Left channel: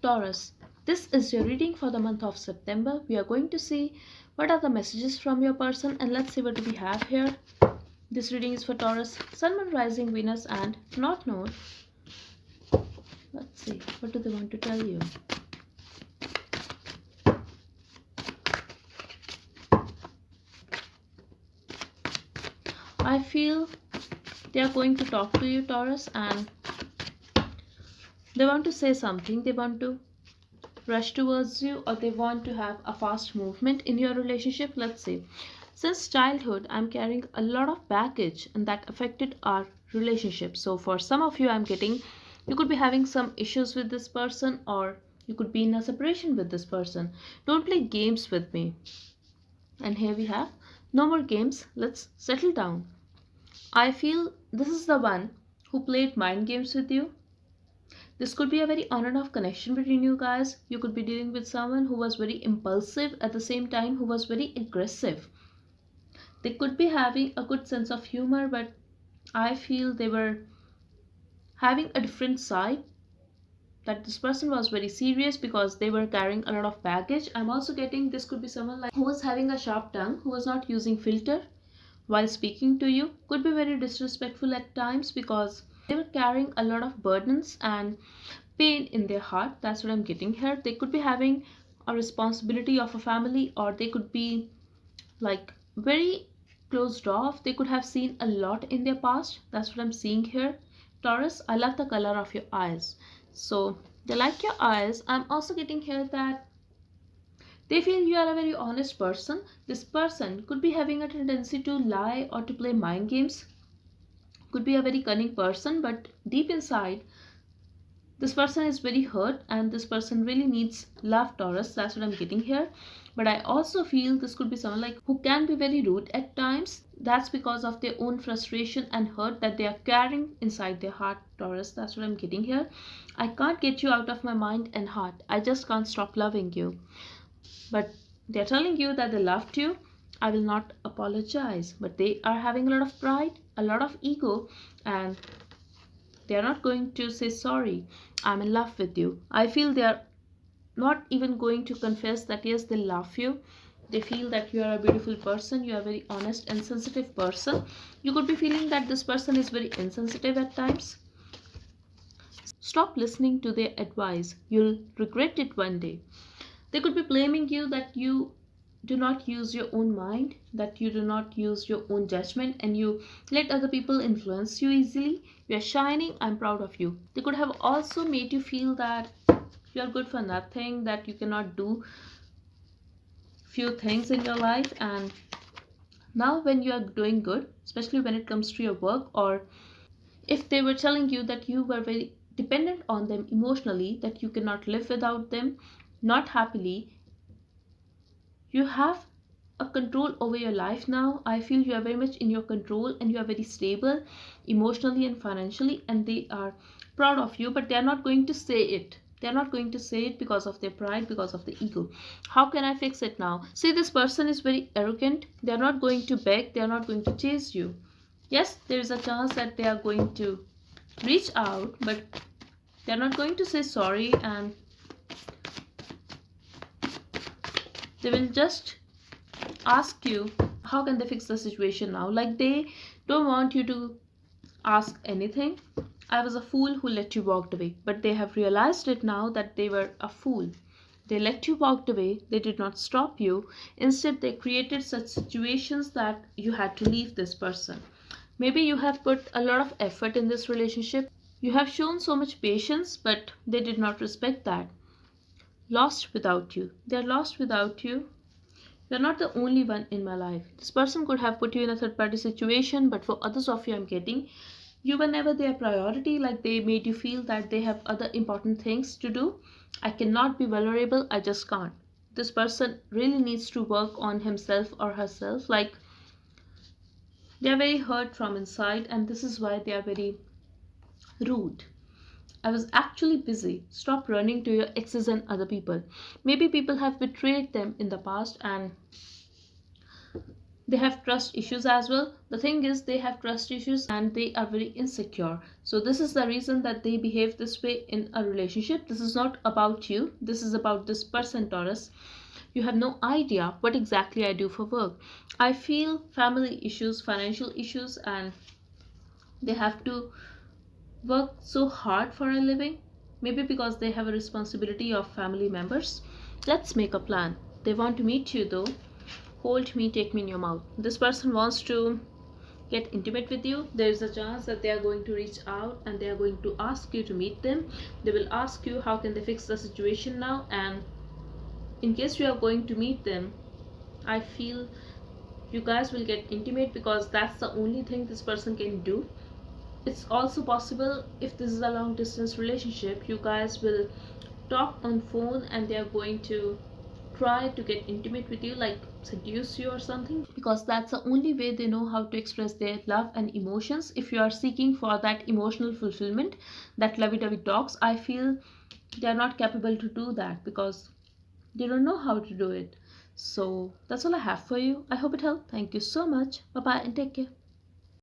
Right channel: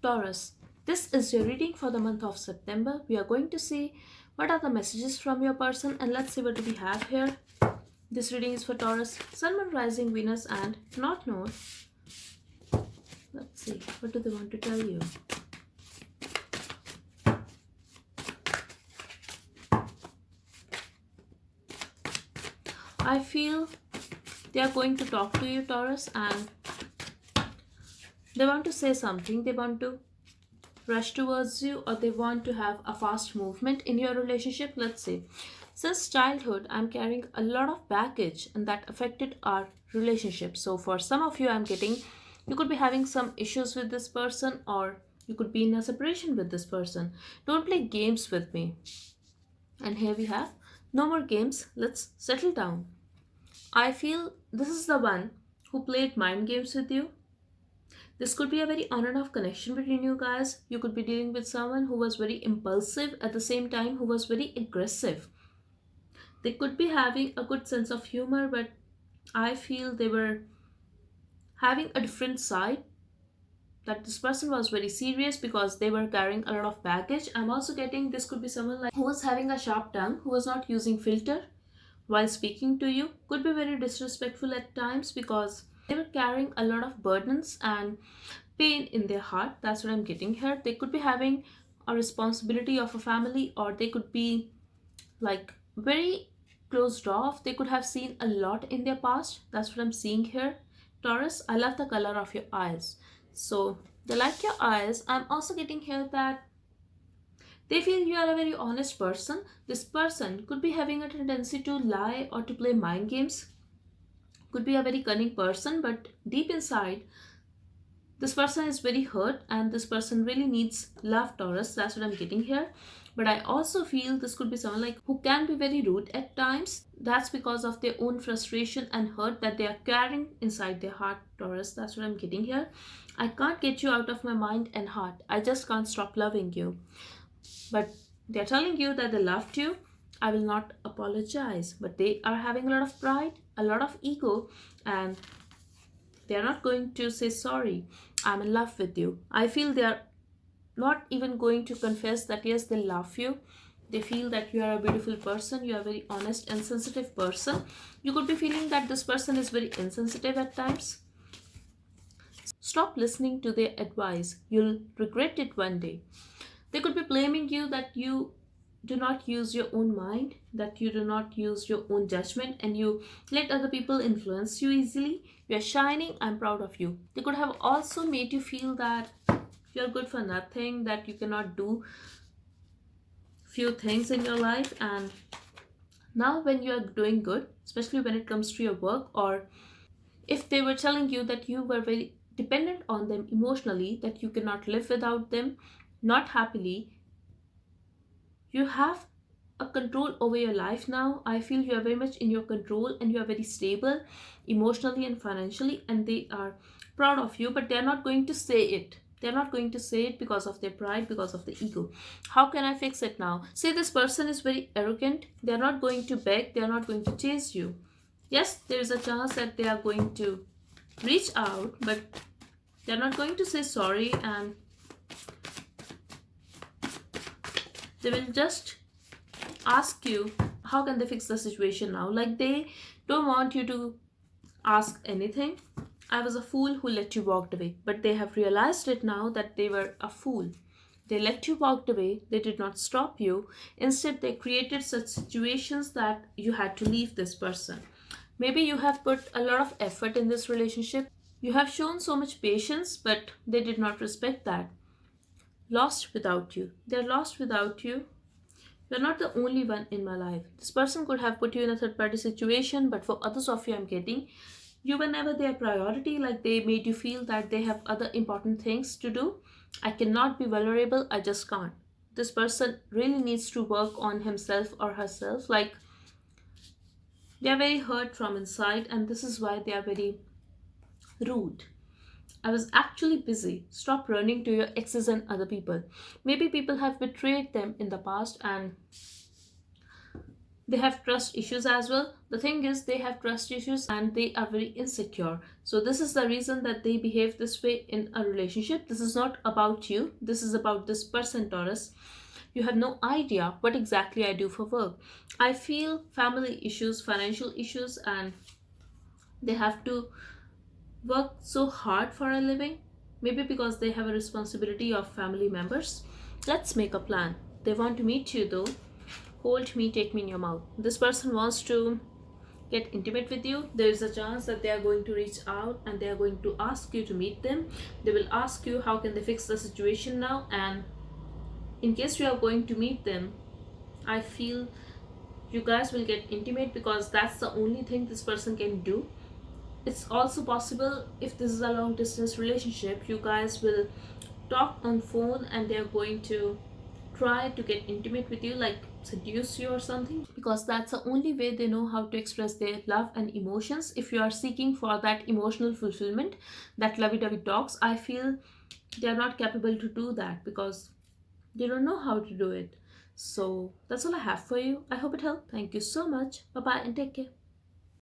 Taurus, this is your reading for the month of September. We are going to see what are the messages from your person and let's see what do we have here. This reading is for Taurus, Sun, Moon, Rising, Venus and North Node. Let's see, what do they want to tell you? I feel they are going to talk to you, Taurus, and they want to say something. They want to rush towards you or they want to have a fast movement in your relationship. Let's say since childhood I'm carrying a lot of baggage and that affected our relationship. So for some of you I'm getting you could be having some issues with this person or you could be in a separation with this person. Don't play games with me. And here we have no more games, let's settle down. I feel this is the one who played mind games with you. This could be a very on and off connection between you guys. You could be dealing with someone who was very impulsive at the same time, who was very aggressive. They could be having a good sense of humor, but I feel they were having a different side. That this person was very serious because they were carrying a lot of baggage. I'm also getting this could be someone like who was having a sharp tongue, who was not using filter while speaking to you, could be very disrespectful at times because they were carrying a lot of burdens and pain in their heart. That's what I'm getting here. They could be having a responsibility of a family or they could be like very closed off. They could have seen a lot in their past. That's what I'm seeing here. Taurus, I love the color of your eyes. So they like your eyes. I'm also getting here that they feel you are a very honest person. This person could be having a tendency to lie or to play mind games. Could be a very cunning person, but deep inside, this person is very hurt and this person really needs love, Taurus. That's what I'm getting here. But I also feel this could be someone like who can be very rude at times. That's because of their own frustration and hurt that they are carrying inside their heart, Taurus. That's what I'm getting here. I can't get you out of my mind and heart. I just can't stop loving you. But they're telling you that they loved you. I will not apologize. But they are having a lot of pride, a lot of ego, and they are not going to say sorry. I'm in love with you. I feel they are not even going to confess that yes, they love you. They feel that you are a beautiful person, you are a very honest and sensitive person. You could be feeling that this person is very insensitive at times. Stop listening to their advice. You'll regret it one day. They could be blaming you that you do not use your own mind, that you do not use your own judgment, and you let other people influence you easily. You are shining, I'm proud of you. They could have also made you feel that you are good for nothing, that you cannot do few things in your life. And now, when you are doing good, especially when it comes to your work, or if they were telling you that you were very dependent on them emotionally, that you cannot live without them, not happily, you have a control over your life now. I feel you are very much in your control and you are very stable emotionally and financially, and they are proud of you, but they are not going to say it. They're not going to say it because of their pride, because of the ego. How can I fix it now? Say this person is very arrogant. They're not going to beg, they're not going to chase you. Yes, there is a chance that they are going to reach out, but they're not going to say sorry, and they will just ask you how can they fix the situation now. Like they don't want you to ask anything. I was a fool who let you walk away, but they have realized it now that they were a fool. They let you walk away, they did not stop you. Instead, they created such situations that you had to leave this person. Maybe you have put a lot of effort in this relationship. You have shown so much patience, but they did not respect that. Lost without you. They're lost without you. You're not the only one in my life. This person could have put you in a third party situation, but for others of you, I'm getting you were never their priority. Like they made you feel that they have other important things to do. I cannot be vulnerable, I just can't. This person really needs to work on himself or herself. Like they are very hurt from inside, and this is why they are very rude. I was actually busy. Stop running to your exes and other people. Maybe people have betrayed them in the past, and They have trust issues as well. The thing is, they have trust issues and they are very insecure. So this is the reason that they behave this way in a relationship. This is not about you, this is about this person, Taurus. You have no idea what exactly I do for work. I feel family issues, financial issues, and they have to work so hard for a living. Maybe because they have a responsibility of family members. Let's make a plan. They want to meet you though. Hold me, take me in your mouth. This person wants to get intimate with you. There is a chance that they are going to reach out and they are going to ask you to meet them. They will ask you how can they fix the situation now, and in case you are going to meet them, I feel you guys will get intimate because that's the only thing this person can do. It's also possible, if this is a long distance relationship, you guys will talk on phone and they are going to try to get intimate with you, like seduce you or something, because that's the only way they know how to express their love and emotions. If you are seeking for that emotional fulfillment, that lovey-dovey talks, I feel they are not capable to do that because they don't know how to do it. So that's all I have for you. I hope it helped. Thank you so much. Bye bye and take care.